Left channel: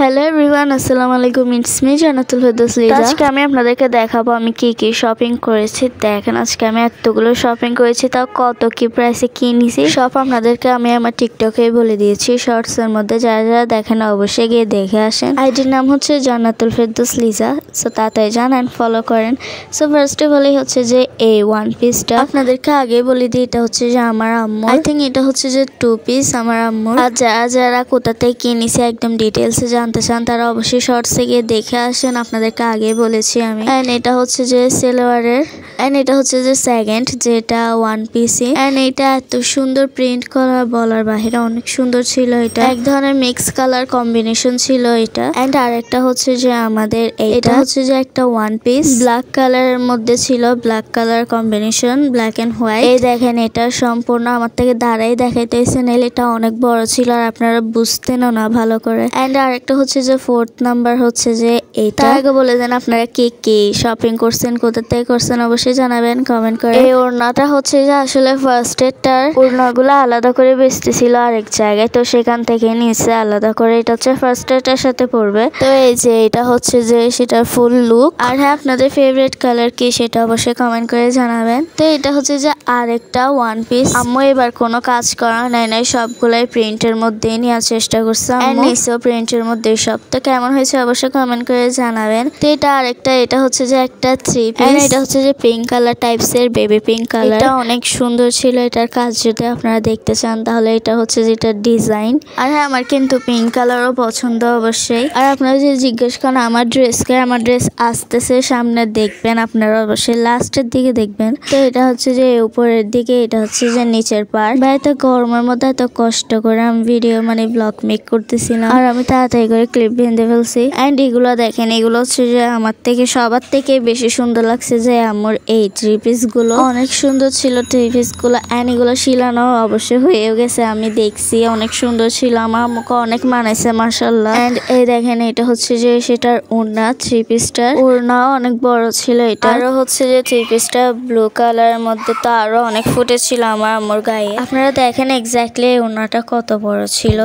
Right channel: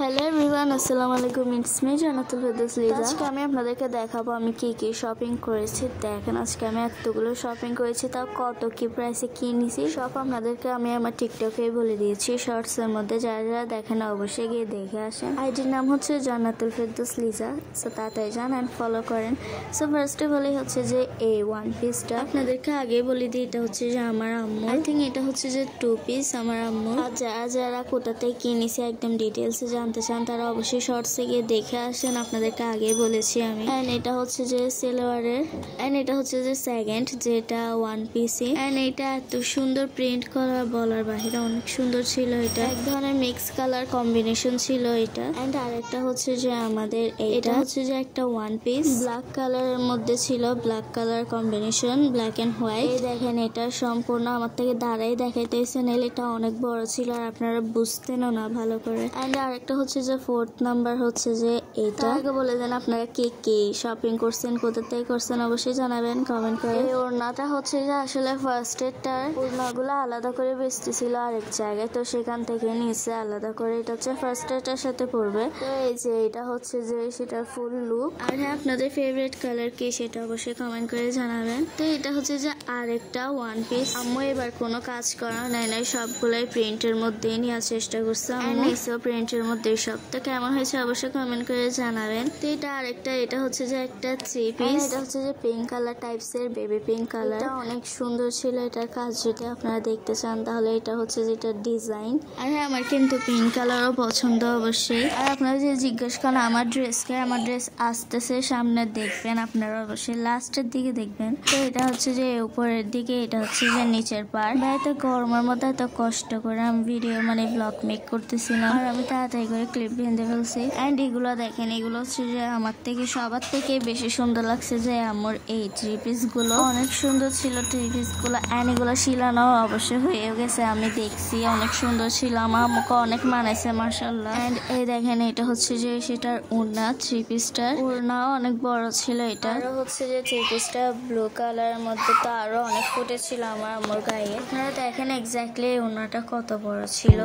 Hello everyone, আসসালামু আলাইকুম। It's me Jannatul Ferdous Liza. আজকে আমি আপনাদেরকে দেখাবো আমি কি কি শপিং করেছি। দেখেন, আজকে আমি এতগুলো শপিং করেছি, তাও কত কি প্রাইসে কি নিছি সব আপনাদেরকে আমি আমার টিকটকে বলে দিয়েছি শর্টসের মধ্যে। যারা যারা দেখেন অবশ্যই গিয়ে দেখে আসেন। আইডির নাম হচ্ছে জান্নাতুল ফেরদৌস লিজা। সো তাড়াতাড়ি যান অ্যান্ড ফলো করেন। সো ফার্স্ট অফ অল হচ্ছে যে এই ওয়ান পিসটা আপনাদেরকে আগে বলে দিই, এটা হচ্ছে যে আমার আম্মু। আই থিঙ্ক এটা হচ্ছে যে 2 পিস আমার আম্মুর। আর যারা যারা কোথাতে কিনেছি একদম ডিটেলসে জানতে চান তারা অবশ্যই শর্টসে গিয়ে দেখে আসেন, আপনাদেরকে আগে বলেছি আমি। এন্ড এটা হচ্ছে যে সেলোয়ারের, এন্ড এটা হচ্ছে যে সেকেন্ড, যেটা ওয়ান পিসি। এন্ড এটা এত সুন্দর প্রিন্ট করা বলার বাহিরে, অনেক সুন্দর ছিল। এটা এক ধরনের মিক্স কালার কম্বিনেশন ছিল এটা। এন্ড আরেকটা হচ্ছে যে আমাদের এটা হচ্ছে যে একটা ওয়ান পিস ব্ল্যাক কালারের মধ্যে ছিল, black colour combination, black and white. এই দেখেন, এটা সম্পূর্ণ আমার থেকে দাঁড়াই দেখাইতেছে, নাহলে এটা অনেক বড় ছিল আর আপনারা বুঝতেনও না ভালো করে। এন্ড আরেকটা হচ্ছে যে ফোর্থ নাম্বার হচ্ছে যে এটা। আগে বলে দেন আপনারা কে কে শপিং করছেন, কোথা থেকে করছেন, অবশ্যই জানাবেন কমেন্ট করে। এই ওড়নাটা হচ্ছে যে আসলে ফার্স্ট এডটার ওড়নাগুলো আলাদা করে বেচতেছিল আরেক জায়গায়, তো সেখান থেকে নিচে আলাদা করে। এটা হচ্ছে ফার্স্ট এডটার সাথে পড়বে। তো এই যে এটা হচ্ছে যে সেটার ফুল লুক। আর হ্যাঁ, আপনাদের ফেভারিট কালার কি সেটা অবশ্যই কমেন্ট করে জানাবেন। তো এটা হচ্ছে যে আরেকটা ওয়ান পিস। আম্মু এবার কোনো কাজ করা নাই, সবগুলাই প্রিন্টের মধ্যেই নেওয়ার চেষ্টা করছে আম্মু। নিচেও প্রিন্টের মধ্যে সব। তো কেমন হয়েছে অবশ্যই কমেন্ট করে জানাবেন। তো এটা আরেকটা, এটা হচ্ছে যে একটা 3 পিস। এটা হচ্ছে যে পিঙ্ক কালার টাইপস এর, বেবি পিঙ্ক কালার। এটা অনেক সুন্দর ছিল। এটার কাজ যদি আপনারা দেখতে চান তাহলে এটা হচ্ছে যে এটার ডিজাইন। আর হ্যাঁ, আমার কিন্তু পিঙ্ক কালারও পছন্দ অবশ্যই। আর আপনারা যে জিজ্ঞেস করেন আমার ড্রেস আসতেছে সামনে, দেখবেন আপনারা অবশ্যই লাস্টের দিকে দেখবেন। তো এটা হচ্ছে যে উপরের দিকে, এটা হচ্ছে যে নিচের পার্ট। বা এত গরমের মধ্যে এত কষ্ট করে আমি ভিডিও ব্লগ মেক করতেছিলাম, আর আমি তাড়াতাড়ি করে ক্লিপ বেঁধে ফেলছি। এন্ড এগুলো দেখেন, এগুলো হচ্ছে যে আমার থেকে সবার থেকে বেশি সুন্দর লাগছে যে আমার এই 3 পিস গুলো। অনেক সুন্দর ছিল 3 পিস গুলো। এন্ড এগুলো শিলানো অবশ্যই হয়েও গেছে, আমি দেখছি অনেক সুন্দর ছিল, আমার আমাকে অনেক মানাইছে মাশাআল্লাহ। এন্ড এই দেখেন, এটা হচ্ছে যে সেটার ওড়না, 3 পিসটার ওড়নাও অনেক বড় ছিল। এটা আরো হচ্ছে যে 3 পিসটা ব্লু কালারের মধ্যে, তো আরো অনেক ফুটে ছিল আমার আম্মুর গায়ে। আপনারা দেখেন এক্স্যাক্টলি ওড়নাটা কত বড় ছিল।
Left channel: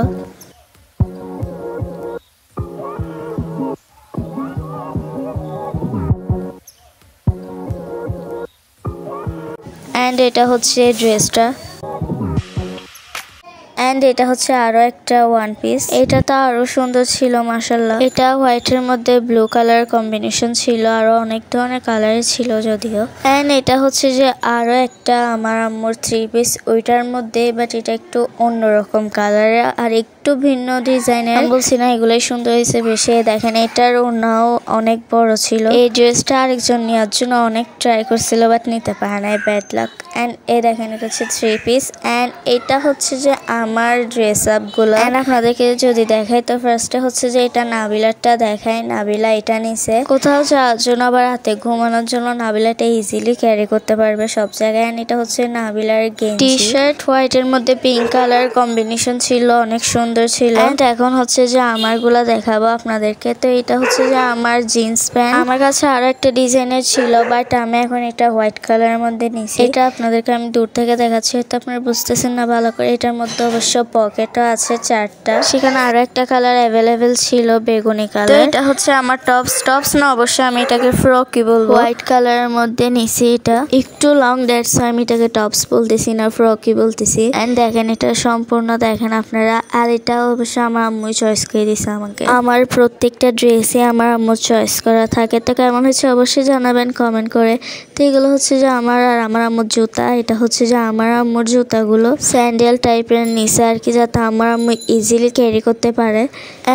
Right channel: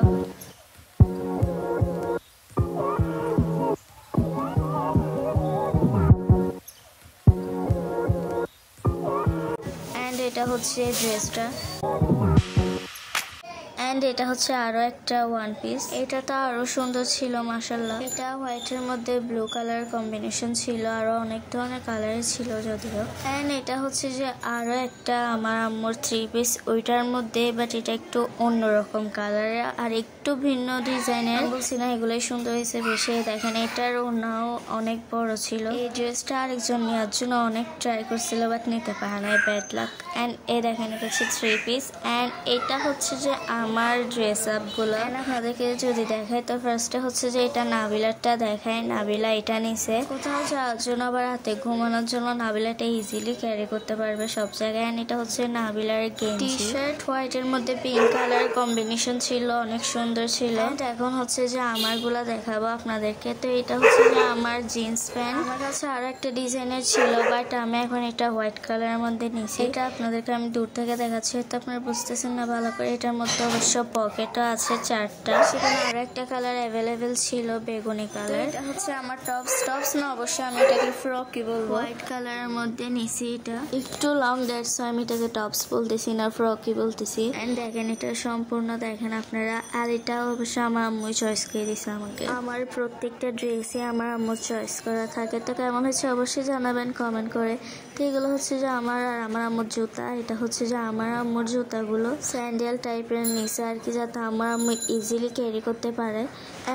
এন্ড এটা হচ্ছে ড্রেসটা। এন্ড এটা হচ্ছে আরো একটা ওয়ান পিস। এটা তো আরো সুন্দর ছিল মাশাআল্লাহ। এটা হোয়াইটের মধ্যে ব্লু কালার কম্বিনেশন ছিল, আরো অনেক ধরনের কালারের ছিল যদিও। এন্ড এটা হচ্ছে যে আরো একটা আমার আম্মুর 3 পিস, ওইটার মধ্যে বাট এটা একটু অন্যরকম কালারের আর একটু ভিন্ন ডিজাইনের। আমি বলছি না এগুলোই সুন্দর হয়েছে বেশি। দেখেন, এটার ওড়নাও অনেক বড় ছিল। এই ড্রেসটা আরেকজন নেওয়ার জন্য অনেক ট্রাই করছিল বাট নিতে পারে নাই, ব্যাড লাক। এন্ড এই দেখেন, এটা হচ্ছে 3 পিস। এন্ড এটা হচ্ছে যে আমার ড্রেস আপ গুলো। এন্ড আপনাদেরকে যদি দেখাই, তো ফার্স্টে হচ্ছে যে এটা নাবিলারটা দেখাই। নাবিলা এটা নিছে কোথাও যাওয়ার জন্য, আবার রাতে ঘুমানোর জন্য নাবিলাটা ইজিলি ক্যারি করতে পারবে সব জায়গায়। এন্ড এটা হচ্ছে নাবিলার গেঞ্জি, টি শার্ট হোয়াইট এর মধ্যে পিঙ্ক কালার কম্বিনেশন ছিল, অনেক সুন্দর ছিল। এন্ড এখন হচ্ছে যে আমার গুলা দেখাবো আপনাদেরকে। তো এটা হচ্ছে যে আমার জিন্স প্যান্ট। আমার কাছে আরো একটা ডিজাইনের ছিল বাট আমি এখন এটা হোয়াইট কালারের মধ্যে নিছি। এটা আপনাদেরকে আমি দূর থেকে দেখাচ্ছি, হয়তো আপনারা বুঝতেছেন না ভালো করে। এটার মধ্যে অবশ্য পকেটও আছে 4টা। সেখানে আরো একটা কালার অ্যাভেলেবেল ছিল, বেগুনি কালার। এটা হচ্ছে আমার টপস না, অবশ্যই আমি এটাকে ফ্রকই বলবো। হোয়াইট কালারের মধ্যে নিছি। এটা একটু লং, দ্যাটস আমি এটাকে টপস বলতেছি না, ফ্রকই বলতেছি। এন্ড দেখেন, এটা সম্পূর্ণ দেখেন আপনারা। আর এটা অবশ্য আমার আম্মু চয়েস করে দিছে আমাকে। আমার প্রত্যেকটা ড্রেসে আমার আম্মু চয়েস করা থাকে। তো কেমন হচ্ছে অবশ্যই জানাবেন কমেন্ট করে। তো এগুলো হচ্ছে যে আমার আর আমার আম্মুর জুতা। এটা হচ্ছে যে আমার আম্মুর জুতাগুলো স্যান্ডেল টাইপের নিচে আর কি, যাতে আমার আম্মু ইজিলি ক্যারি করতে পারে।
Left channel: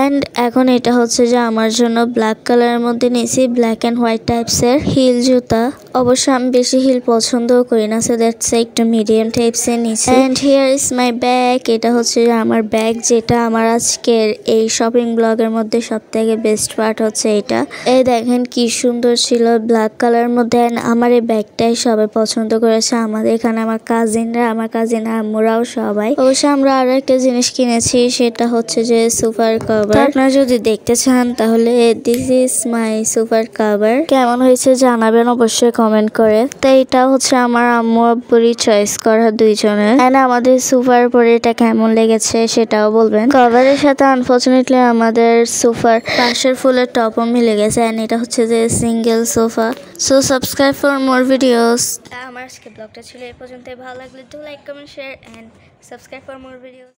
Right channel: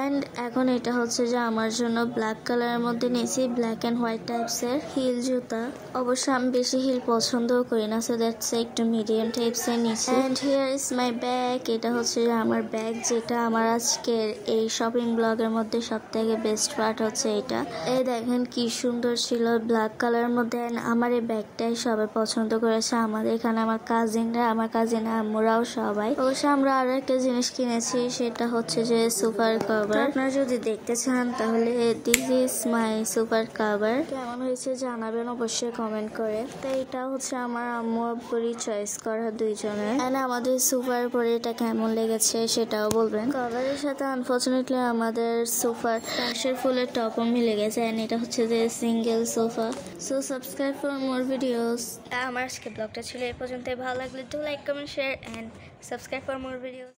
এন্ড এখন এটা হচ্ছে যে আমার জন্য ব্ল্যাক কালারের মধ্যে নিয়েছি, ব্ল্যাক এন্ড হোয়াইট টাইপসের হিল জুতা। অবশ্য আমি বেশি হিল পছন্দও করি না, সো দ্যাটস একটু মিডিয়াম টাইপসের নিচে। And here is my bag. এটা হচ্ছে যে আমার ব্যাগ, যেটা আমার আজকের এই শপিং ব্লগের মধ্যে সব থেকে বেস্ট পার্ট হচ্ছে এটা। এই দেখেন কি সুন্দর ছিল, ব্ল্যাক কালারের মধ্যে। আমার এই ব্যাগটাই সবাই পছন্দ করেছে আমাদের এখানে, আমার কাজিনরা, আমার কাজিন আম্মুরাও সবাই। অবশ্য আমরা আরো একটা জিনিস কিনেছি, সেটা হচ্ছে যে সুপার কভার। আপনারা যদি দেখতে চান তাহলে this is my super cover. কেমন হয়েছে জানাবেন অবশ্যই কমেন্ট করে। তো এটা হচ্ছে আমার আম্মু আব্বুরই চয়েস করা দুইজনের। এন্ড আমাদের সুপার পরে এটা কেমন লেগেছে সেটাও বলতে বলবেন। কভারের সাথে আনফরচুনেটলি আমাদের সোফার পাশের ফুলের টপও মিলে গেছে, এন্ড এটা হচ্ছে যে single sofa. So subscribe for more videos. আমার আজকে ব্লগটা ছিল এই পর্যন্তই। ভালো লাগলে do like, comment, share and subscribe for more videos.